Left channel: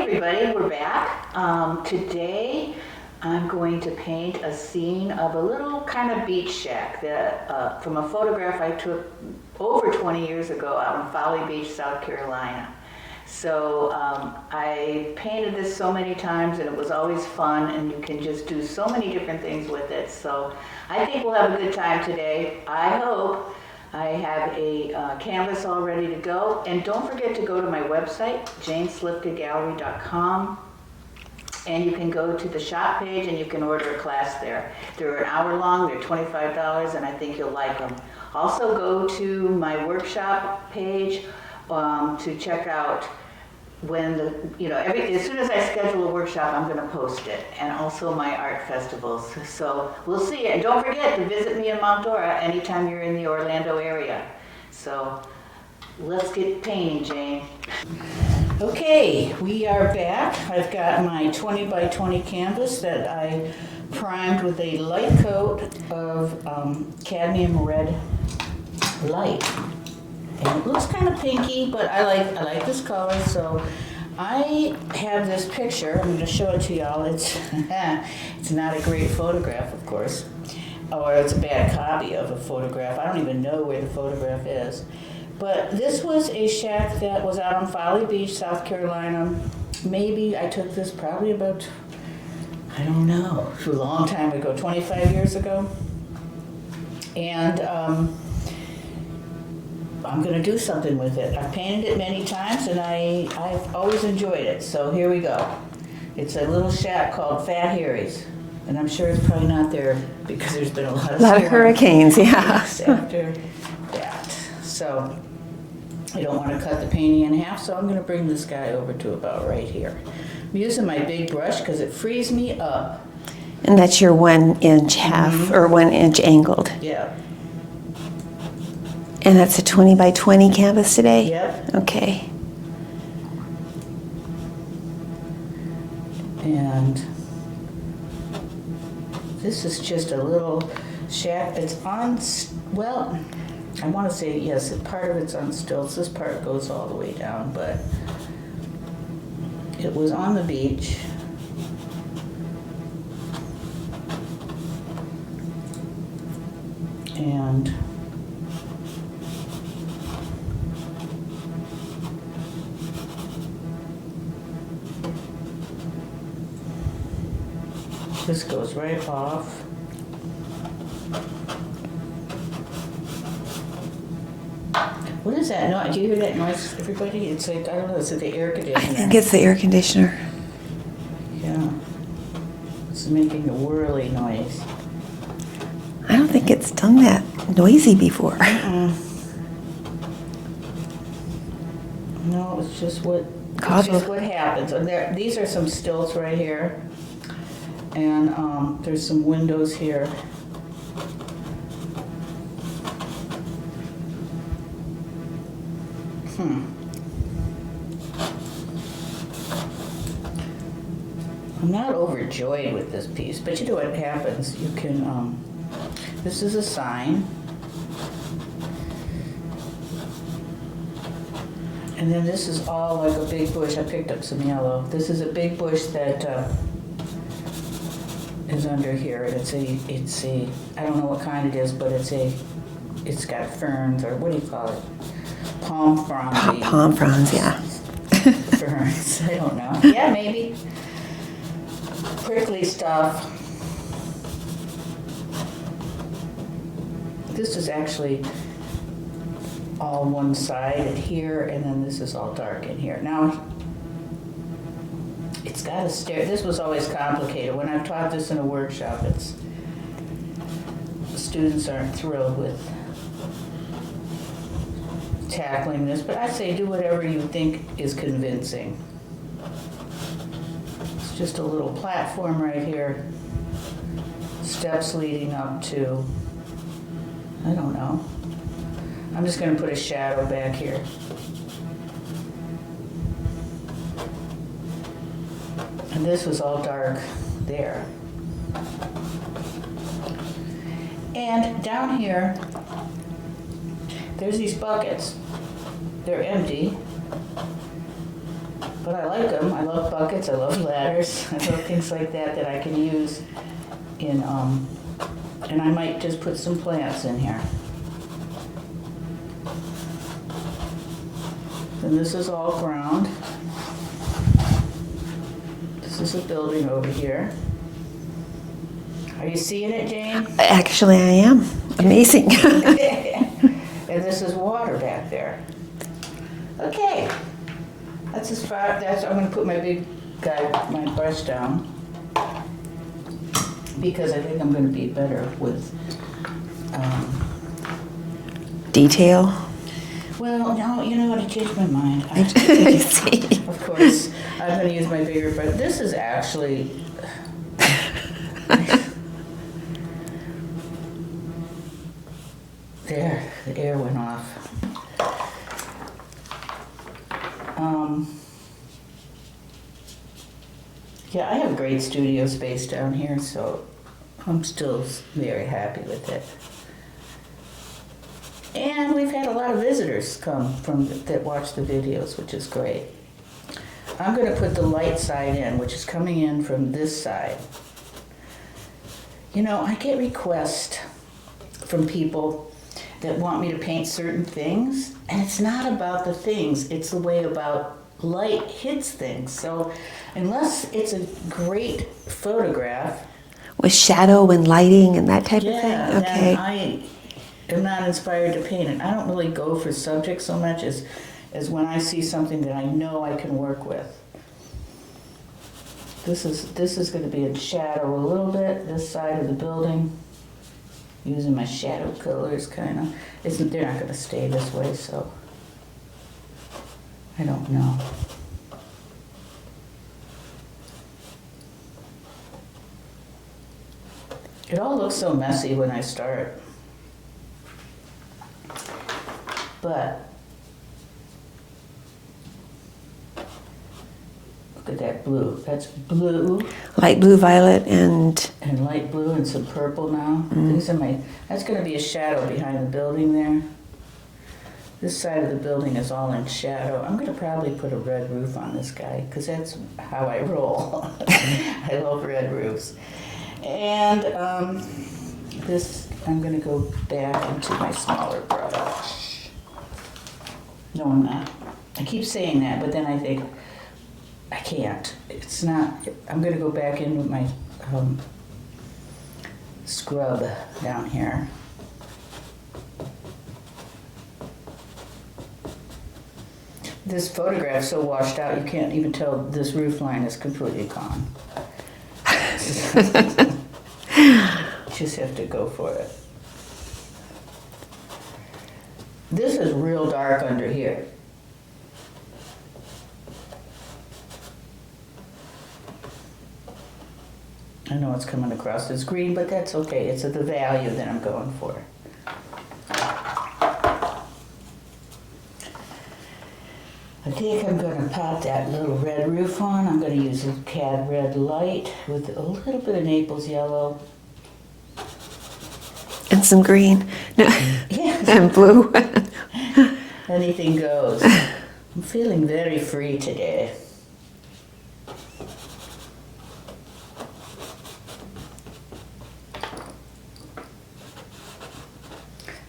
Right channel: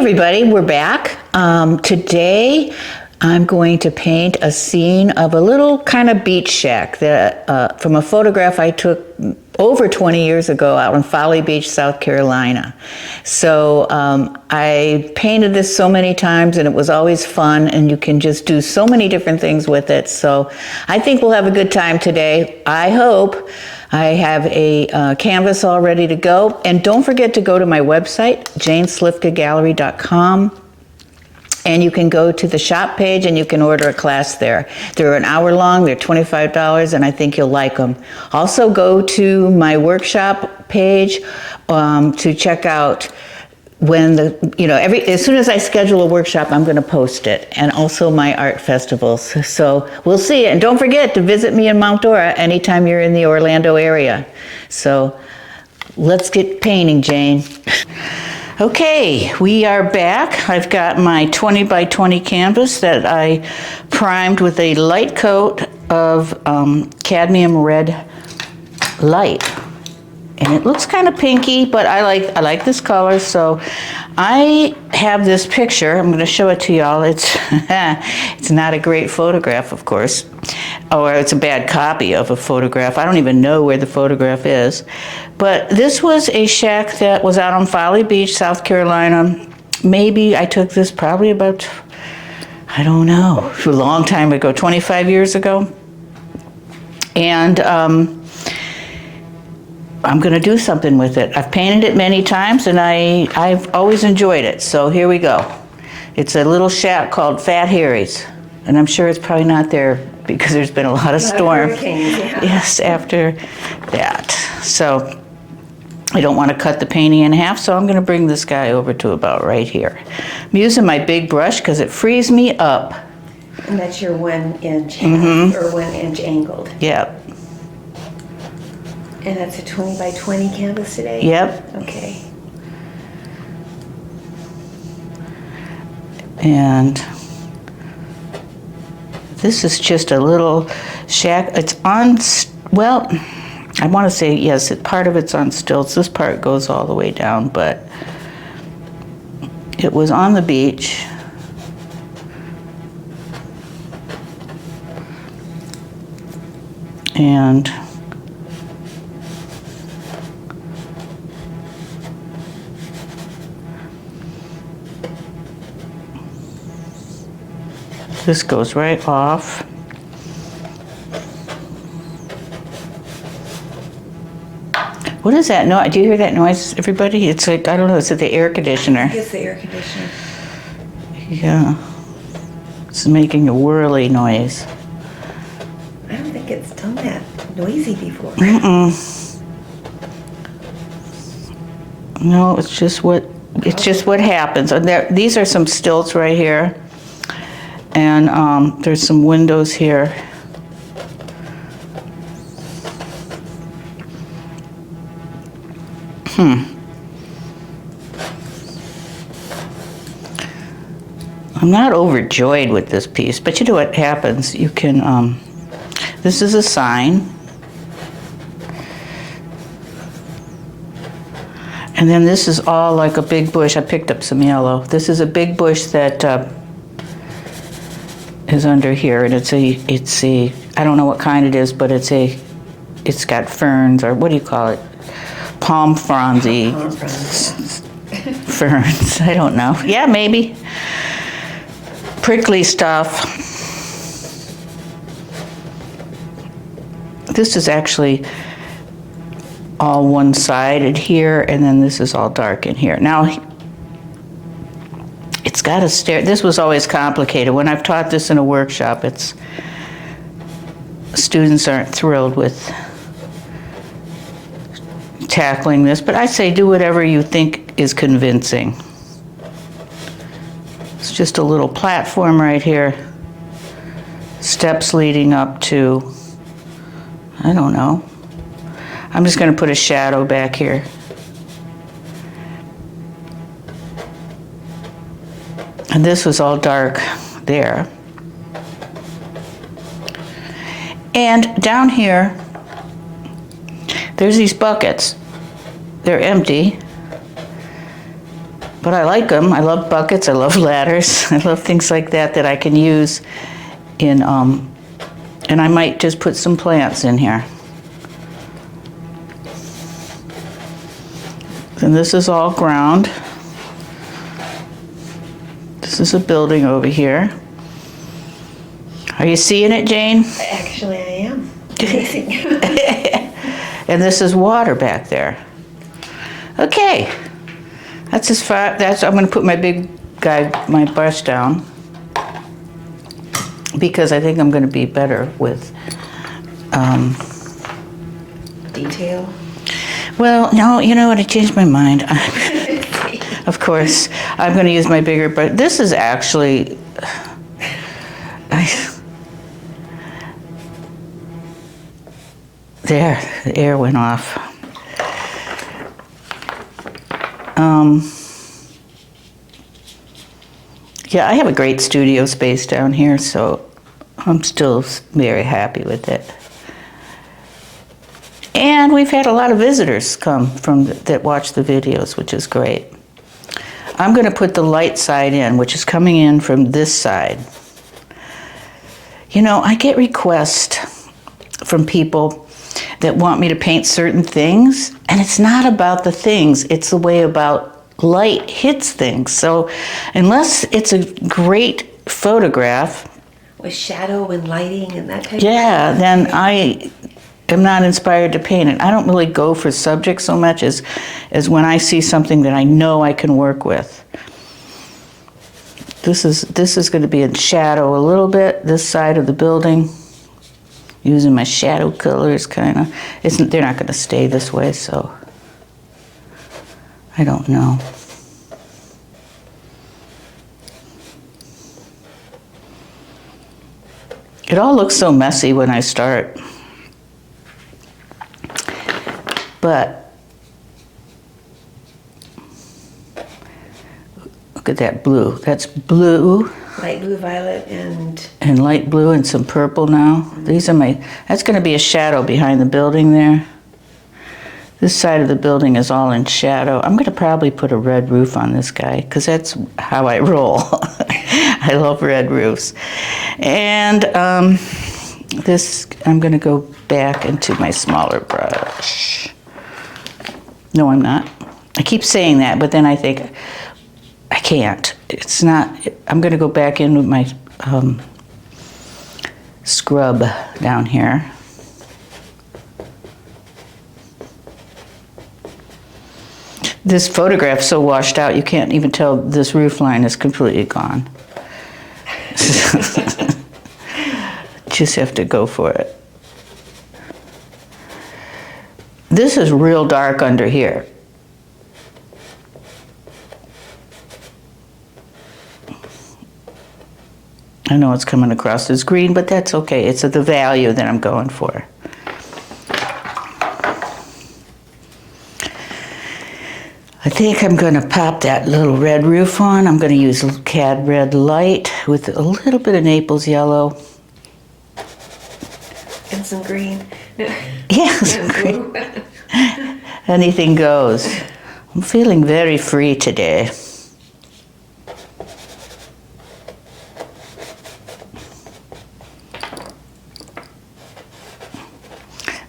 everybody, we're back. Today I'm going to paint a scene of a little kind of beach shack that from a photograph I took over 20 years ago out in Folly Beach, South Carolina. So I painted this so many times and it was always fun, and you can just do so many different things with it. So I think we'll have a good time today. I hope. I have a canvas all ready to go. And don't forget to go to my website, janeslifkagallery.com. And you can go to the shop page and you can order a class there. They're an hour long, they're $25, and I think you'll like them. Also go to my workshop page to check out when as soon as I schedule a workshop, I'm gonna post it, and also my art festivals. So we'll see it. And don't forget to visit me in Mount Dora anytime you're in the Orlando area. So let's get painting, Jane. Okay, we are back. I've got my 20 by 20 canvas that I primed with a light coat of cadmium red light. And it looks kind of pinky, but I like this color. So I have this picture. I'm going to show it to y'all. It's it's not a great photograph, of course, or it's a bad copy of a photograph. I don't even know where the photograph is. But this was a shack that was out on Folly Beach, South Carolina. Maybe I took this probably about, I don't know, a long time ago, 25 years ago. And I'm going to do something with it. I've painted it many times, and I've always enjoyed it. So here we go. It's a little shack called Fat Harry's, and I'm sure it's probably not there because there's been a lot of storms. Hurricanes, yeah. Yes, after that. So I don't want to cut the painting in half, so I'm going to bring this guy over to about right here. I'm using my big brush because it frees me up. And that's your 1 inch half, or 1 inch angled. Yep. And that's a 20 by 20 canvas today? Yep. Okay. And this is just a little shack. It's on, well, I want to say, yes, part of it's on stilts. This part goes all the way down, but it was on the beach. And this goes right off. What is that noise? Do you hear that noise, everybody? It's like, I don't know, is it the air conditioner? I think it's the air conditioner. Yeah. It's making a whirly noise. I don't think it's done that noisy before. No, it's just what happens. And these are some stilts right here. And there's some windows here. I'm not overjoyed with this piece, but you know what happens? You can, this is a sign. And then this is all like a big bush. I picked up some yellow. This is a big bush that is under here, and it's a, I don't know what kind it is, but it's got ferns, or what do you call it? Palm frondsy. Palm fronds, yeah. Ferns, I don't know. Yeah, maybe. Prickly stuff. This is actually all one-sided here, and then this is all dark in here. Now, it's got a stair. This was always complicated. When I've taught this in a workshop, students aren't thrilled with tackling this, but I say do whatever you think is convincing. It's just a little platform right here. Steps leading up to, I don't know. I'm just going to put a shadow back here. And this was all dark there. And down here, there's these buckets. They're empty. But I like them. I love buckets. I love ladders. I love things like that that I can use in, and I might just put some plants in here. And this is all ground. This is a building over here. Are you seeing it, Jane? Actually, I am. Amazing. And this is water back there. Okay. That's as far, I'm gonna put my big guy, my brush down, because I think I'm gonna be better with, Detail. well, no, you know what, I changed my mind. Of course, I'm gonna use my bigger, but this is actually, there, the air went off. Yeah, I have a great studio space down here, so I'm still very happy with it. And we've had a lot of visitors come from that watch the videos, which is great. I'm going to put the light side in, which is coming in from this side. You know, I get requests from people that want me to paint certain things, and it's not about the things, it's the way about light hits things. So unless it's a great photograph, With shadow and lighting and that type of thing? yeah, then Okay. I am not inspired to paint it. I don't really go for subject so much as when I see something that I know I can work with. This is going to be in shadow a little bit, this side of the building, using my shadow colors kind of. They're not going to stay this way, so I don't know. It all looks so messy when I start. But look at that blue. That's blue. Light blue, violet, and light blue and some purple now. These are that's going to be a shadow behind the building there. This side of the building is all in shadow. I'm going to probably put a red roof on this guy because that's how I roll. I love red roofs. And this, I'm going to go back into my smaller brush. No, I'm not. I keep saying that, but then I think, I can't. It's not, I'm going to go back in with my scrub down here. This photograph's so washed out, you can't even tell this roof line is completely gone. Just have to go for it. This is real dark under here. I know it's coming across as green, but that's okay. It's the value that I'm going for. I think I'm going to pop that little red roof on. I'm going to use cad red light with a little bit of Naples yellow. and some green. No. Yes, And blue. anything goes. I'm feeling very free today.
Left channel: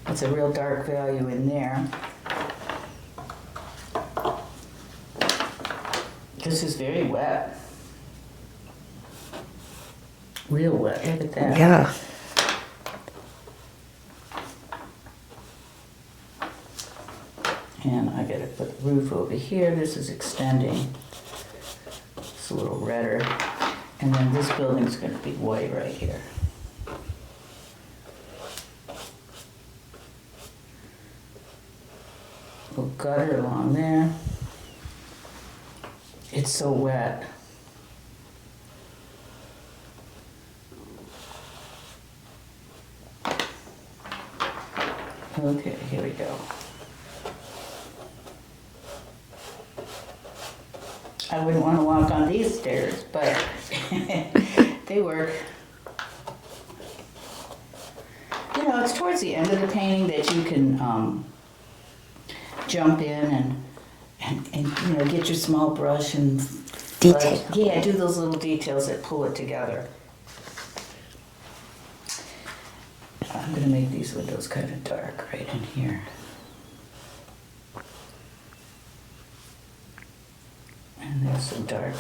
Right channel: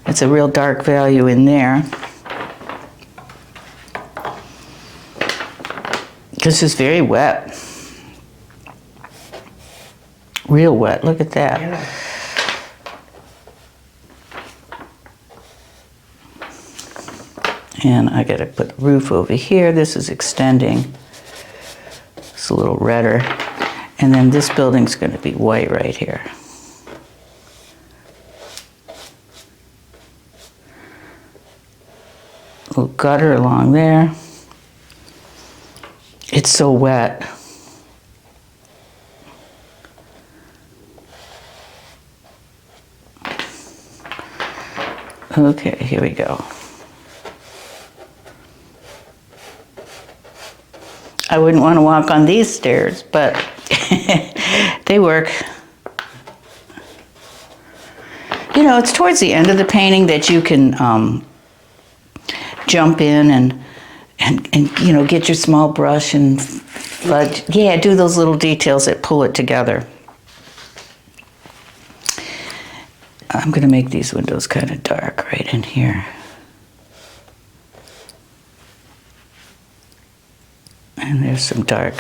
That's a real dark value in there. This is very wet. Real wet, look at that. Yeah. And I gotta put the roof over here. This is extending. It's a little redder. And then this building's gonna be white right here. A little gutter along there. It's so wet. Okay, here we go. I wouldn't want to walk on these stairs, but they work. You know, it's towards the end of the painting that you can jump in and you know, get your small brush and do those little details that pull it together. I'm going to make these windows kind of dark right in here. And there's some dark.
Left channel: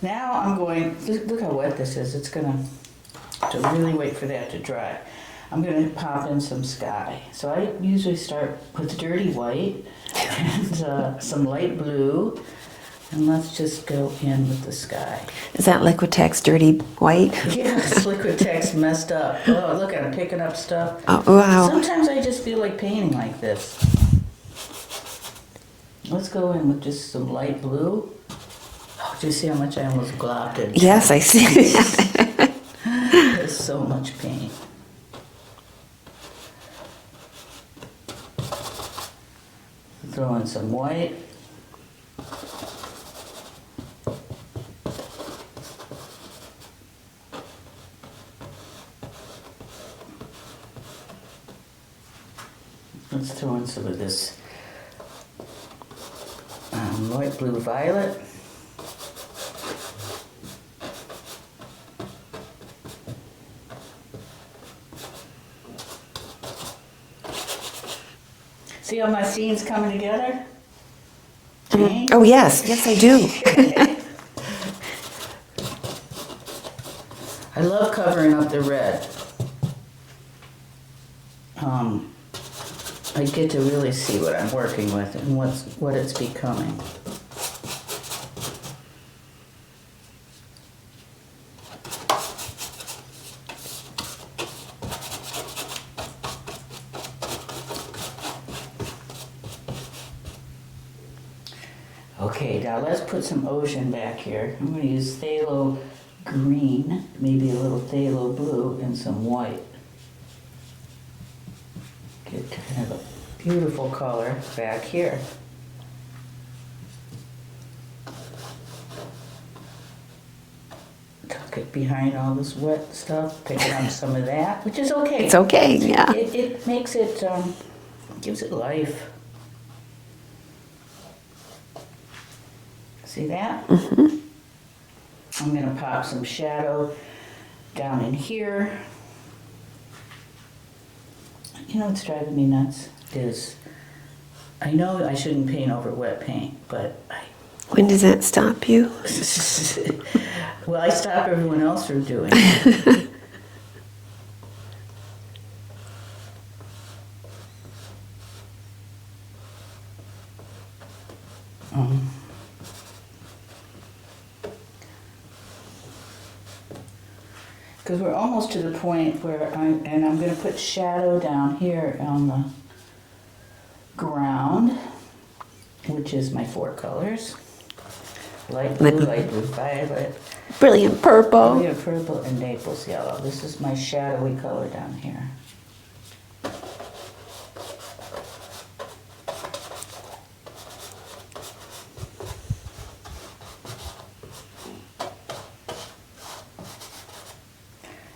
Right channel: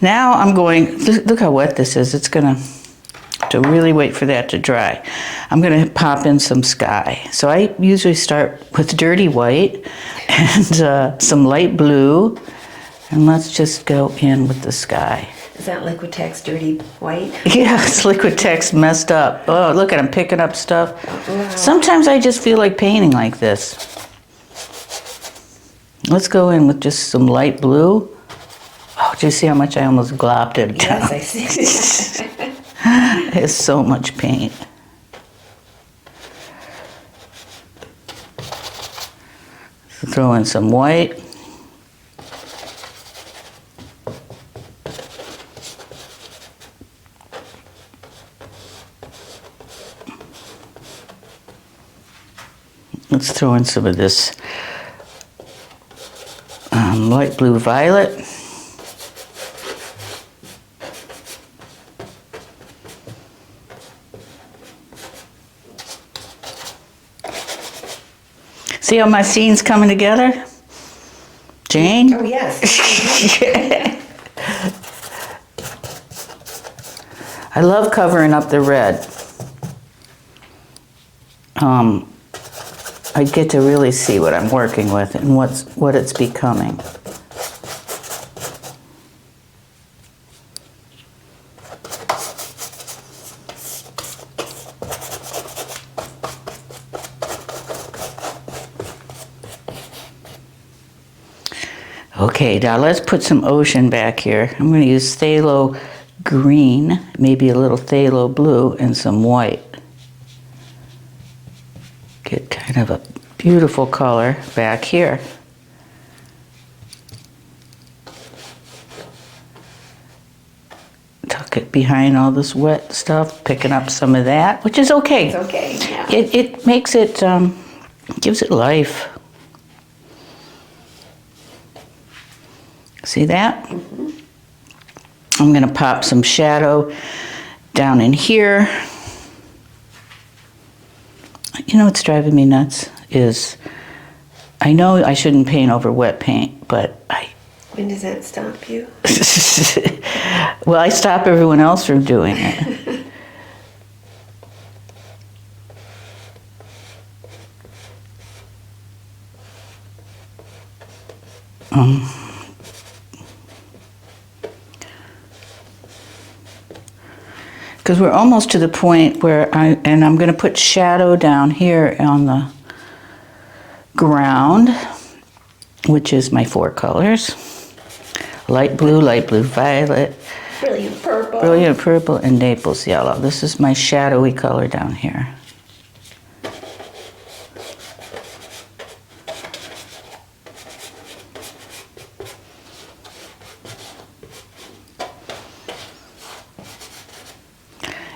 Now I'm going, look how wet this is. It's going to really wait for that to dry. I'm going to pop in some sky. So I usually start with dirty white and some light blue. And let's just go in with the sky. Is that Liquitex dirty white? Yeah, it's Liquitex messed up. Oh, look at I'm picking up stuff. Oh, wow. Sometimes I just feel like painting like this. Let's go in with just some light blue. Oh, do you see how much I almost globbed it? Yes, I see. There's so much paint. Throw in some white. Let's throw in some of this light blue violet. See how my scene's coming together? Jane? Oh, yes. Yes, I do. I love covering up the red. I get to really see what I'm working with and what it's becoming. Okay, now let's put some ocean back here. I'm going to use phthalo green, maybe a little phthalo blue, and some white. Get kind of a beautiful color back here. Tuck it behind all this wet stuff, picking up some of that, which is okay. It's okay, yeah. It makes it, gives it life. See that? Mm-hmm. I'm going to pop some shadow down in here. You know what's driving me nuts is I know I shouldn't paint over wet paint, but When does that stop you? well, I stop everyone else from doing it. Because we're almost to the point where I'm going to put shadow down here on the ground, which is my 4 colors. Light blue, violet. Brilliant purple. Brilliant purple and Naples yellow. This is my shadowy color down here.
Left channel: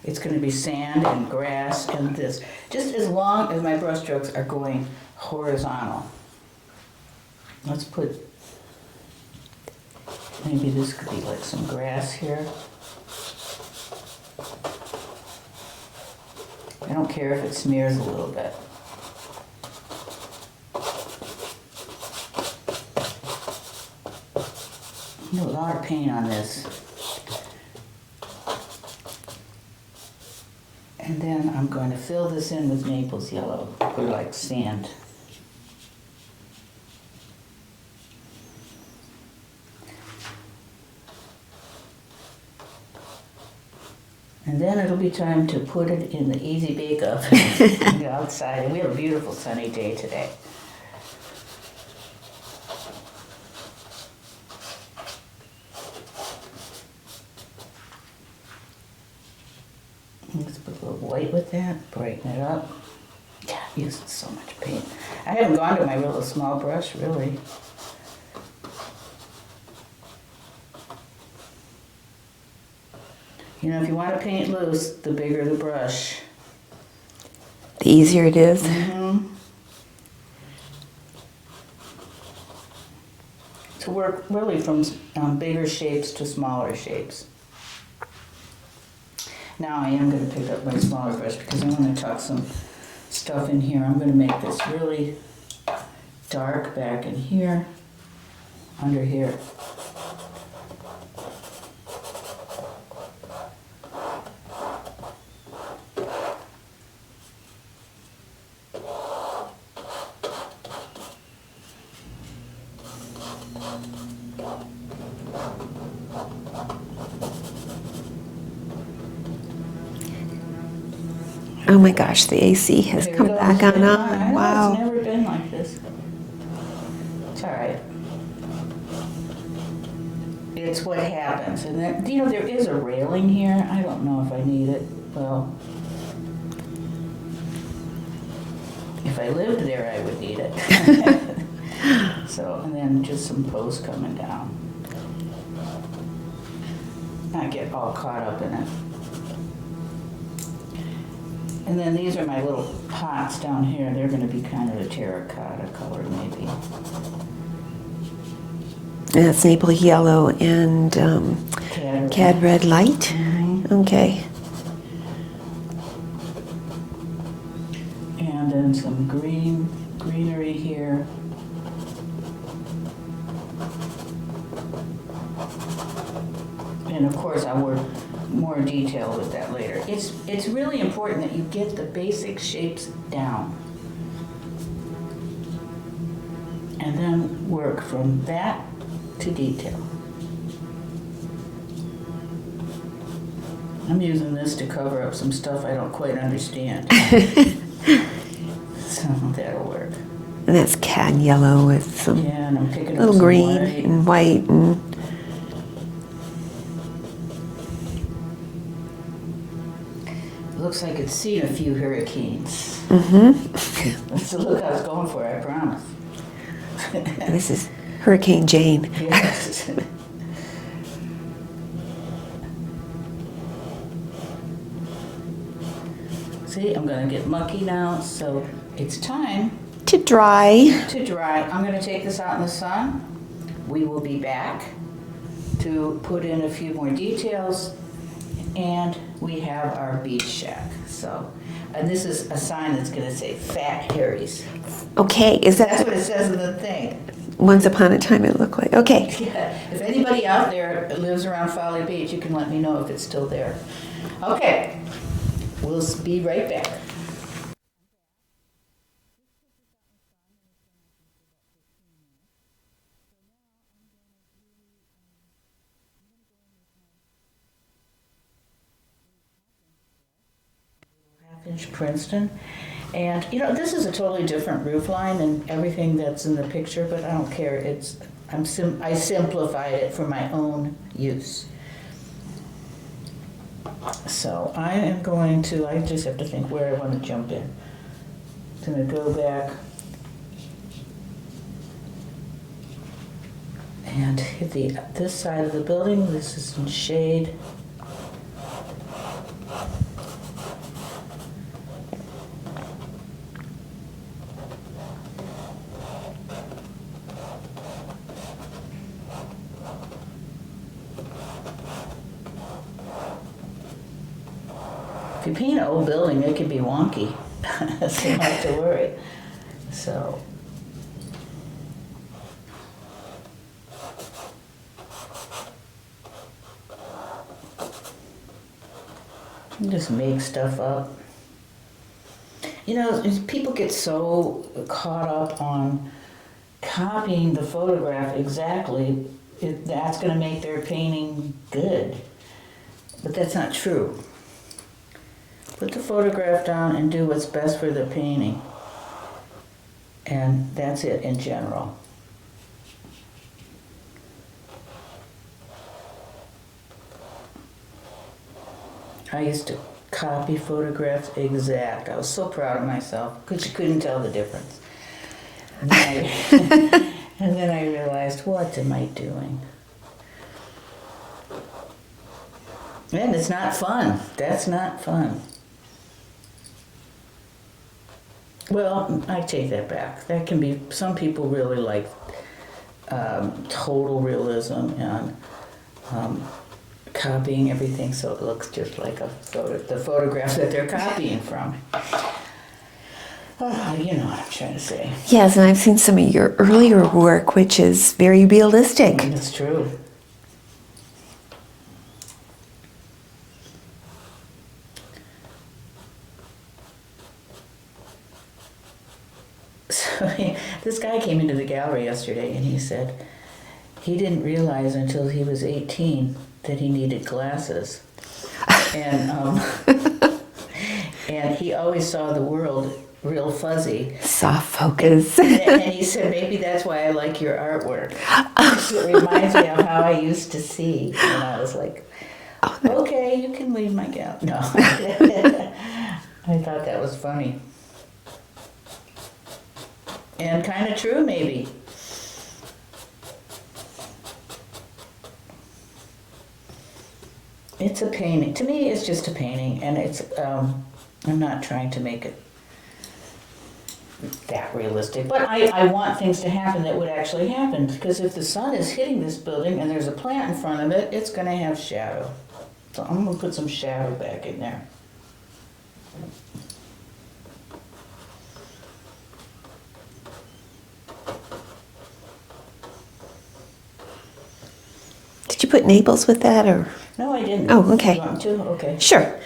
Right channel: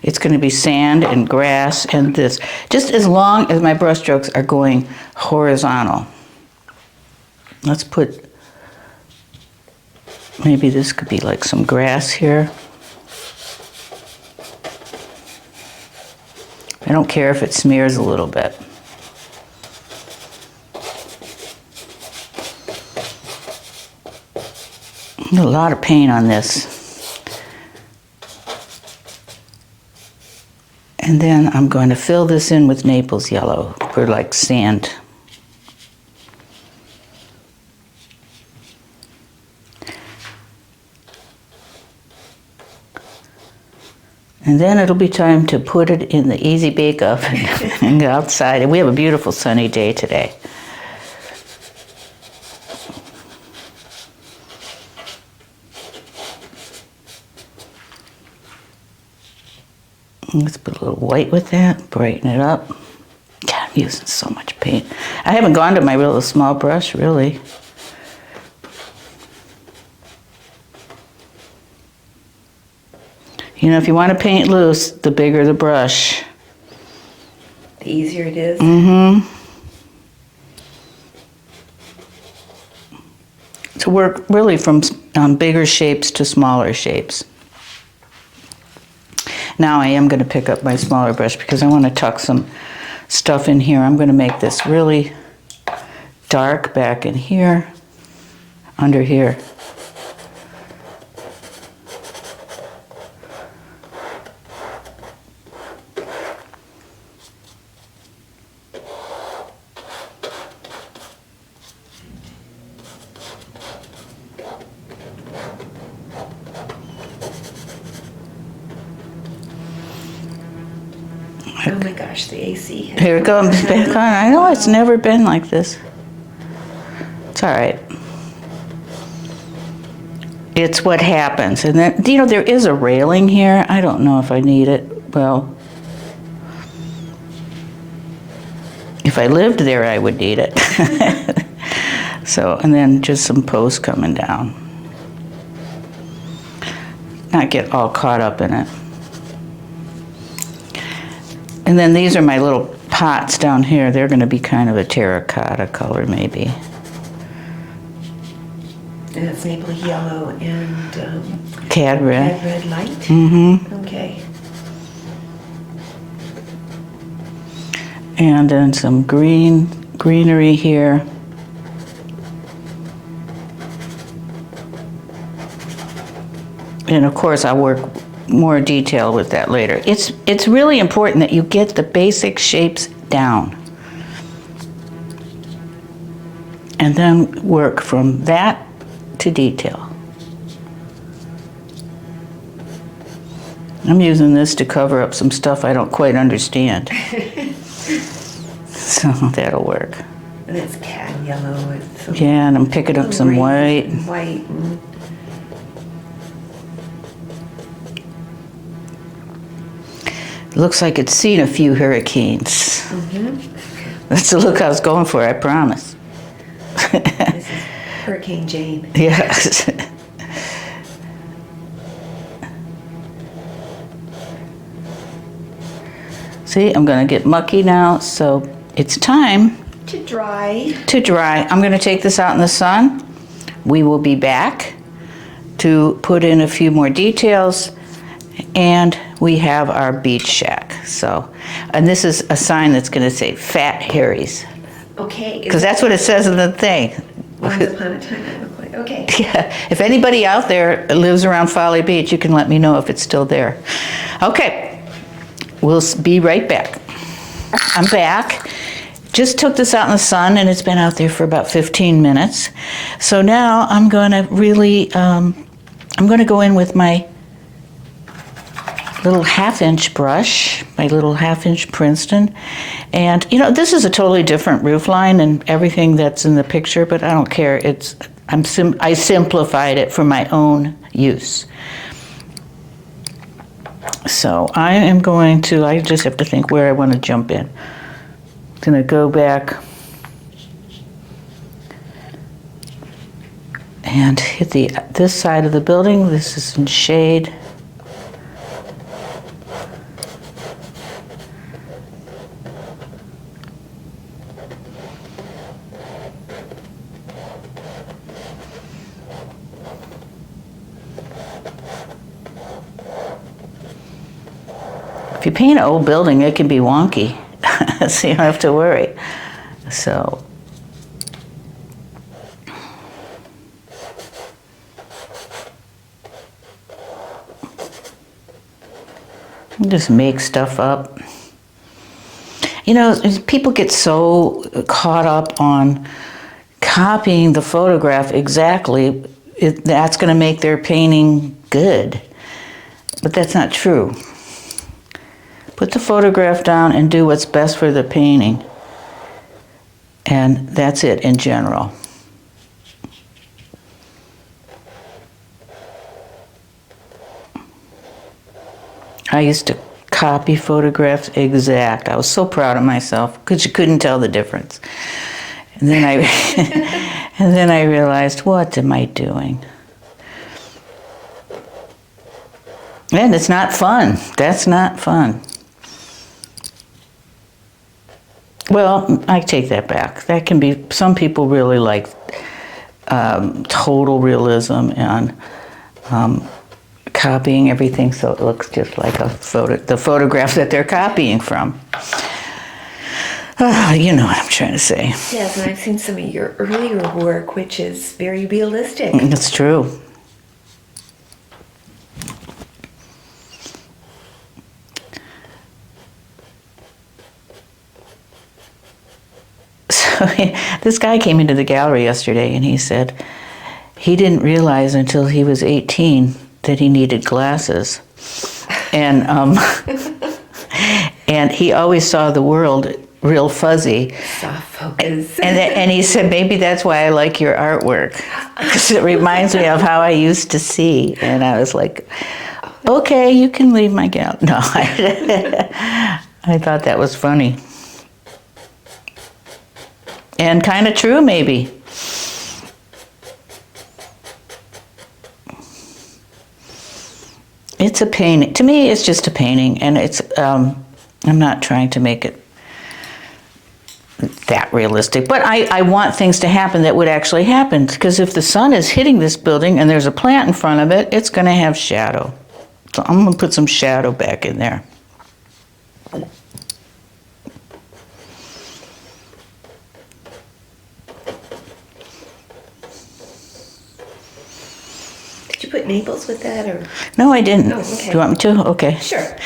It's going to be sand and grass and this, just as long as my brush strokes are going horizontal. Let's put, maybe this could be like some grass here. I don't care if it smears a little bit. A lot of paint on this. And then I'm going to fill this in with Naples yellow for like sand. And then it'll be time to put it in the easy bake oven and go outside. And we have a beautiful sunny day today. Let's put a little white with that, brighten it up. God, I'm using so much paint. I haven't gone to my real small brush, really. You know, if you want to paint loose, the bigger the brush. The easier it is. Mm-hmm. to work really from bigger shapes to smaller shapes. Now I am going to pick up my smaller brush because I want to tuck some stuff in here. I'm going to make this really dark back in here, under here. Oh my gosh, the AC has Here it come goes. back on. I know, it's Wow. never been like this. It's all right. It's what happens. And then, you know, there is a railing here. I don't know if I need it. Well, if I lived there, I would need it. So, and then just some posts coming down. Not get all caught up in it. And then these are my little pots down here. They're going to be kind of a terracotta color, maybe. And it's maple yellow and Cad red. cad red light. Mm-hmm. Okay. And then some greenery here. And of course, I'll work more detail with that later. It's really important that you get the basic shapes down. And then work from that to detail. I'm using this to cover up some stuff I don't quite understand. So that'll work. And that's cad yellow with some Yeah, and I'm picking up little some green white. and white and Looks like it's seen a few hurricanes. Mm-hmm. That's the look I was going for, I promise. this is Hurricane Jane. Yes. See, I'm gonna get mucky now, so it's time To dry. to dry. I'm gonna take this out in the sun. We will be back to put in a few more details, and we have our beach shack. So, and this is a sign that's gonna say Fat Harry's, Okay. Is because that that's what it says in the thing. once upon a time it looked like? Okay. Yeah. If anybody out there lives around Folly Beach, you can let me know if it's still there. Okay, we'll be right back. I'm back. Just took this out in the sun, and it's been out there for about 15 minutes. So now I'm going to really, I'm going to go in with my little 1/2-inch brush, my little 1/2-inch Princeton. And, you know, this is a totally different roof line and everything that's in the picture, but I don't care. I simplified it for my own use. So I am going to, I just have to think where I want to jump in. I'm going to go back and hit this side of the building. This is in shade. If you paint an old building, it can be wonky, so you don't have to worry. So, just make stuff up. You know, people get so caught up on copying the photograph exactly, that's going to make their painting good. But that's not true. Put the photograph down and do what's best for the painting. And that's it in general. I used to copy photographs exact. I was so proud of myself because you couldn't tell the difference. And then and then I realized, what am I doing? And it's not fun. That's not fun. Well, I take that back. That can be, some people really like total realism and copying everything so it looks just like the photograph that they're copying from. You know what I'm trying to say. Yes, and I've seen some of your earlier work, which is very realistic. It's true. So this guy came into the gallery yesterday and he said he didn't realize until he was 18 that he needed glasses. And and he always saw the world real fuzzy. Soft focus. And he said, maybe that's why I like your artwork, because it reminds me of how I used to see. And I was like, okay, you can leave my gallery. No, I thought that was funny. And kind of true, maybe. It's a painting. To me, it's just a painting, and it's. I'm not trying to make it that realistic, but I want things to happen that would actually happen. Because if the sun is hitting this building and there's a plant in front of it, it's going to have shadow. So I'm going to put some shadow back in there. Did you put Naples with that, or? No, I didn't. Oh, okay. Do you want me to? Okay. Sure.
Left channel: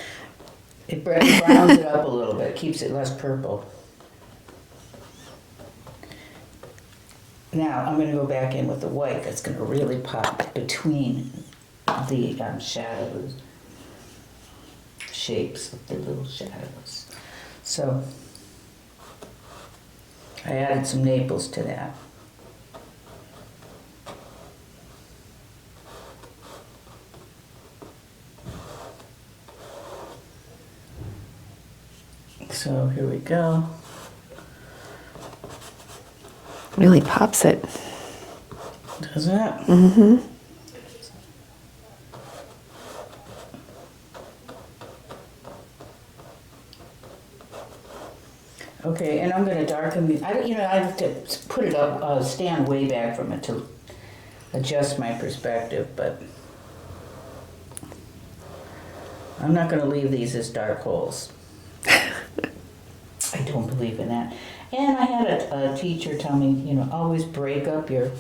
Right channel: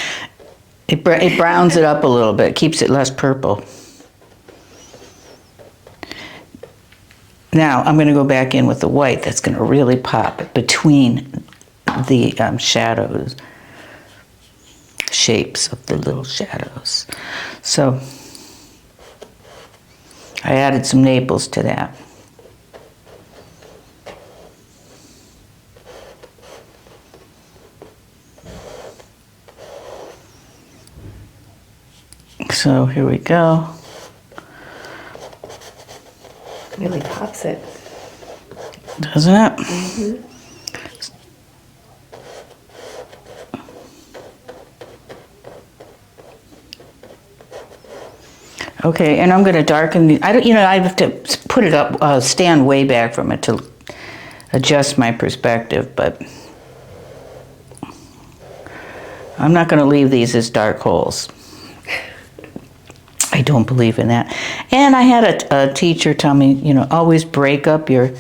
It browns it up a little bit, keeps it less purple. Now I'm going to go back in with the white. That's going to really pop between the shadows, shapes of the little shadows. So I added some Naples to that. So here we go. Really pops it. Doesn't it? Mm-hmm. Okay, and I'm going to darken the. I don't. You know, I have to put it up, stand way back from it to adjust my perspective, but I'm not going to leave these as dark holes. I don't believe in that. And I had a teacher tell me, you know, always break up your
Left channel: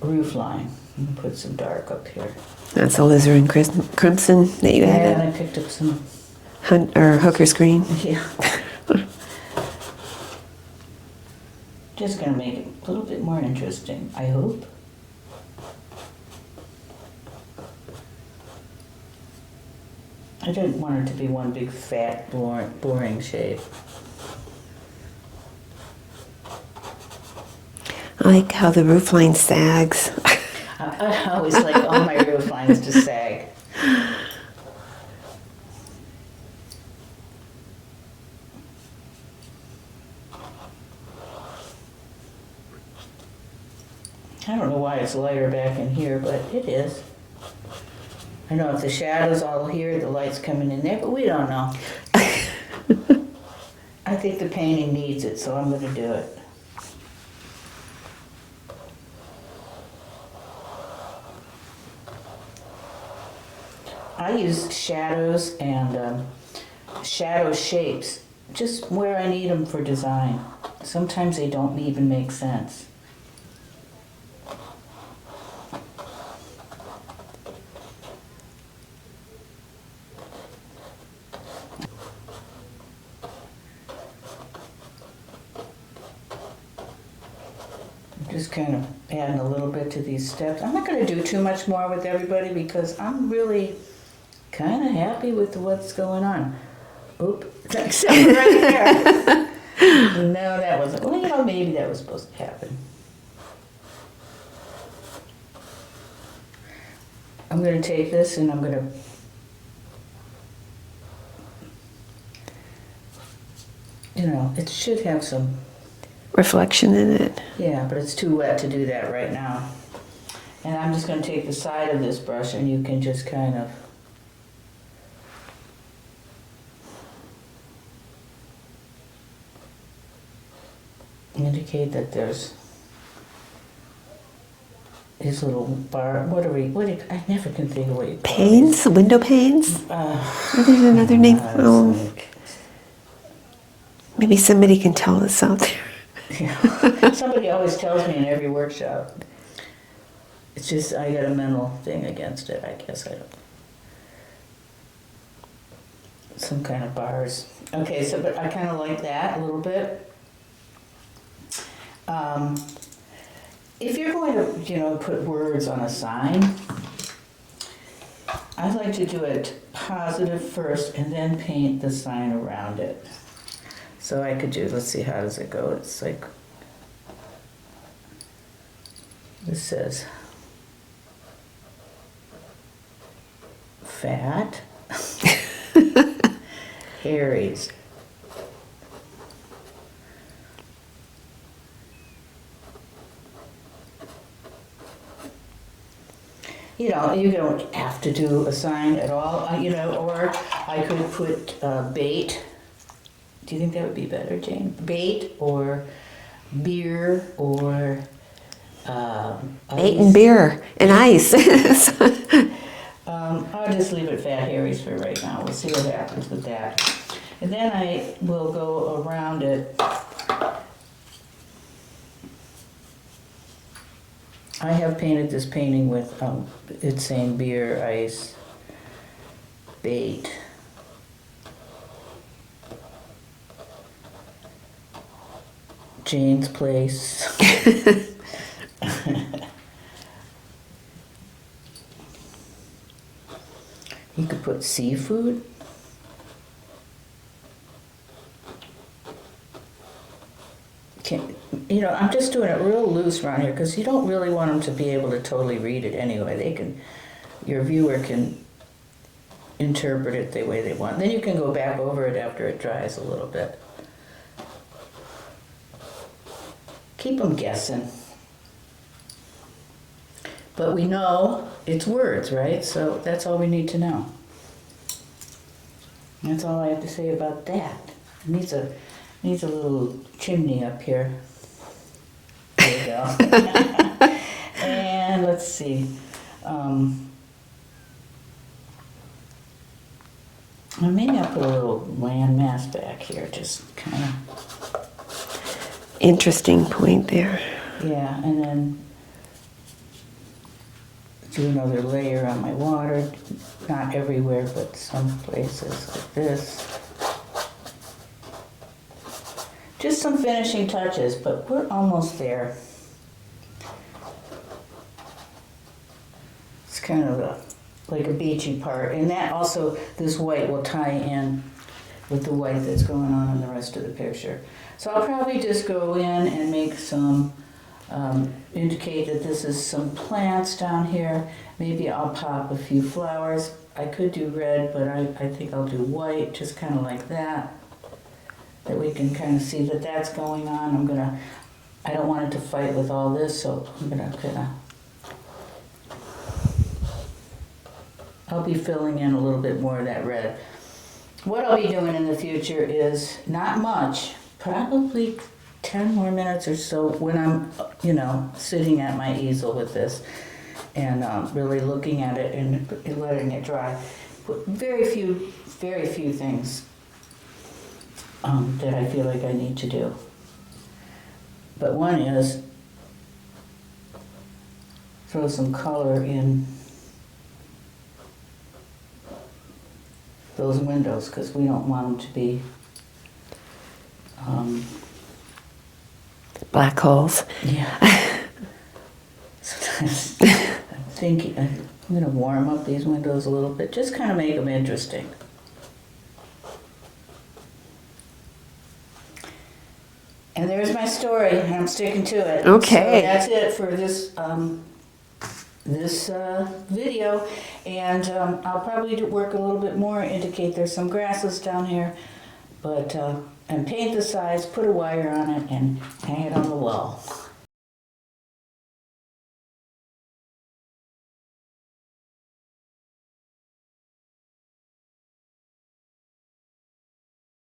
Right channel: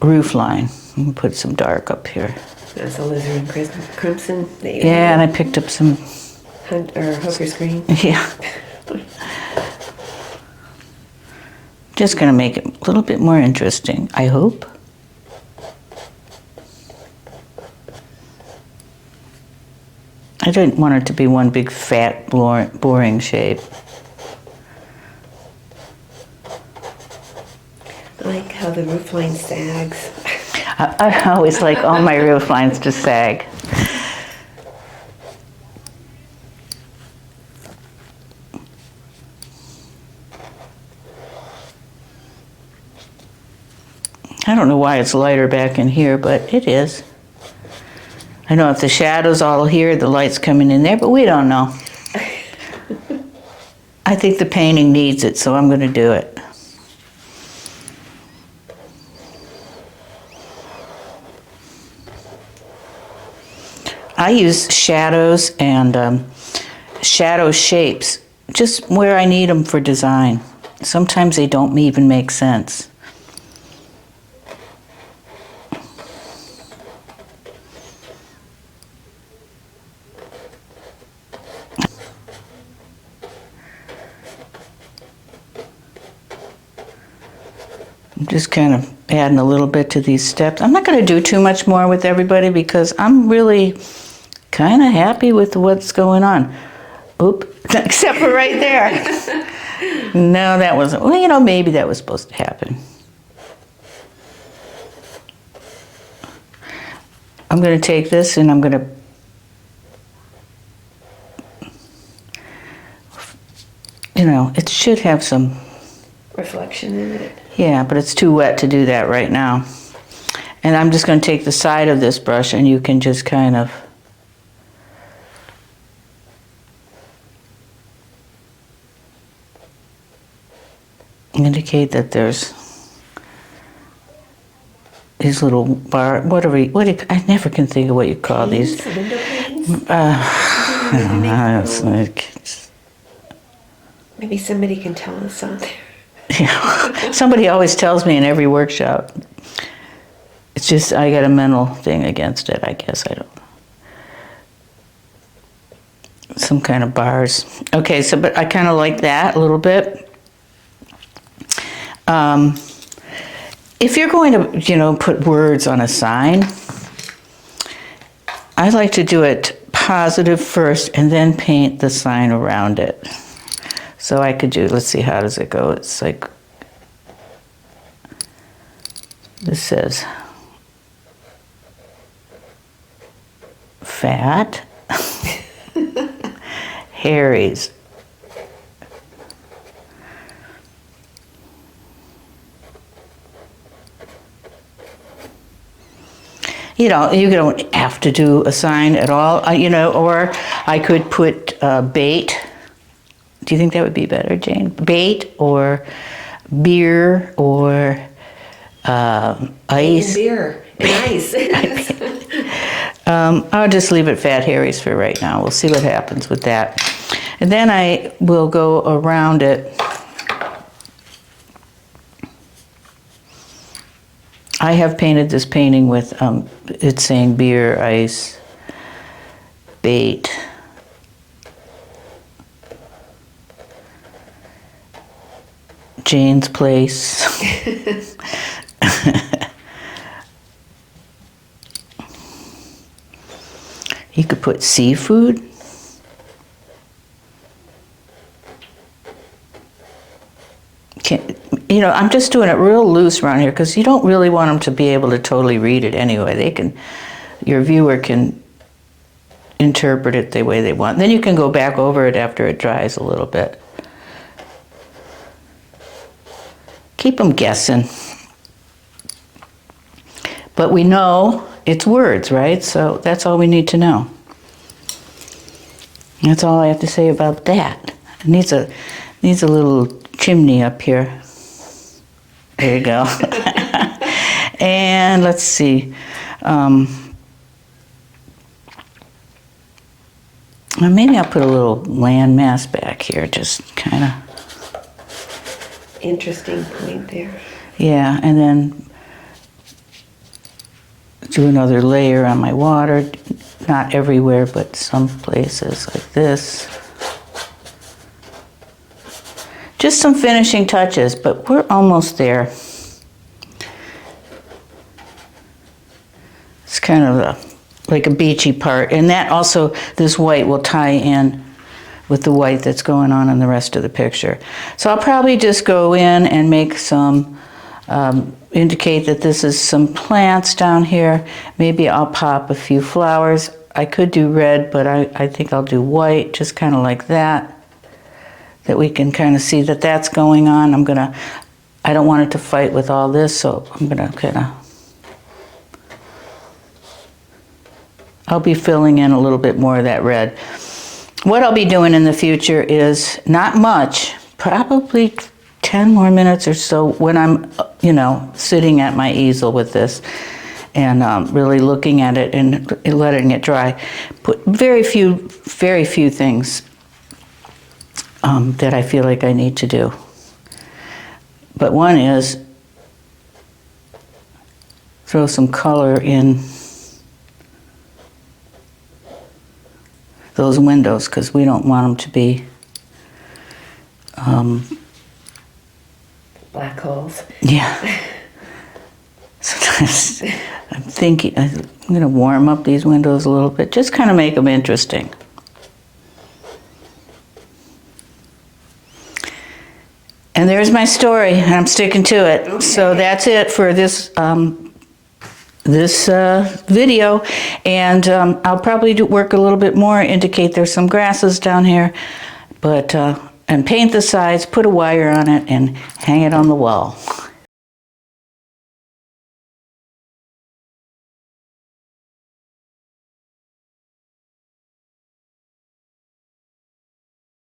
roof line. I'm gonna put some dark up here. That's alizarin crimson that you Yeah, had. and I picked up some. Or Hooker's green. Yeah. Just gonna make it a little bit more interesting, I hope. I didn't want it to be one big fat boring shape. I like how the roof line sags. I always like all my roof lines to sag. I don't know why it's lighter back in here, but it is. I know if the shadow's all here, the light's coming in there, but we don't know. I think the painting needs it, so I'm going to do it. I use shadows and shadow shapes just where I need them for design. Sometimes they don't even make sense. I'm just kind of adding a little bit to these steps. I'm not going to do too much more with everybody because I'm really kind of happy with what's going on. Oop, except for right there. No, that wasn't, well, you know, maybe that was supposed to happen. I'm going to take this and I'm going to you know, it should have some reflection in it. Yeah, but it's too wet to do that right now. And I'm just going to take the side of this brush and you can just kind of indicate that there's these little I never can think of what you call these. Panes? Window panes? What are your other names? Oh, maybe somebody can tell us out there. Yeah. Somebody always tells me in every workshop. It's just I got a mental thing against it, I guess. I don't know. Some kind of bars. Okay, so but I kind of like that a little bit. If you're going to, put words on a sign, I like to do it positive first and then paint the sign around it. So I could do, let's see, how does it go? It's like, this says, fat, Harry's. You don't have to do a sign at all, or I could put bait. Do you think that would be better, Jane? Bait or beer or ice? Bait and beer and ice. I'll just leave it Fat Harry's for right now. We'll see what happens with that. And then I will go around it. I have painted this painting with, it's saying beer, ice, bait. Jane's place. You could put seafood. I'm just doing it real loose around here because you don't really want them to be able to totally read it anyway. Your viewer can interpret it the way they want. Then you can go back over it after it dries a little bit. Keep them guessing. But we know it's words, right? So that's all we need to know. That's all I have to say about that. It needs a little chimney up here. There you go. And let's see. Maybe I'll put a little land mass back here, just kind of. Interesting point there. Yeah, and then do another layer on my water. Not everywhere, but some places like this. Just some finishing touches, but we're almost there. It's kind of like a beachy part. And that also, this white will tie in with the white that's going on in the rest of the picture. So I'll probably just go in and make some, indicate that this is some plants down here. Maybe I'll pop a few flowers. I could do red, but I think I'll do white, just kind of like that. That we can kind of see that that's going on. I don't want it to fight with all this, so I'm gonna kind of, I'll be filling in a little bit more of that red. What I'll be doing in the future is not much, probably 10 more minutes or so when I'm, sitting at my easel with this and really looking at it and letting it dry. Put very few things that I feel like I need to do. But one is throw some color in those windows because we don't want them to be black holes. Yeah. So I'm thinking I'm going to warm up these windows a little bit, just kind of make them interesting. And there's my story, and I'm sticking to it. Okay. So that's it for this video, and I'll probably work a little bit more, indicate there's some grasses down here, but and paint the sides, put a wire on it, and hang it on the wall.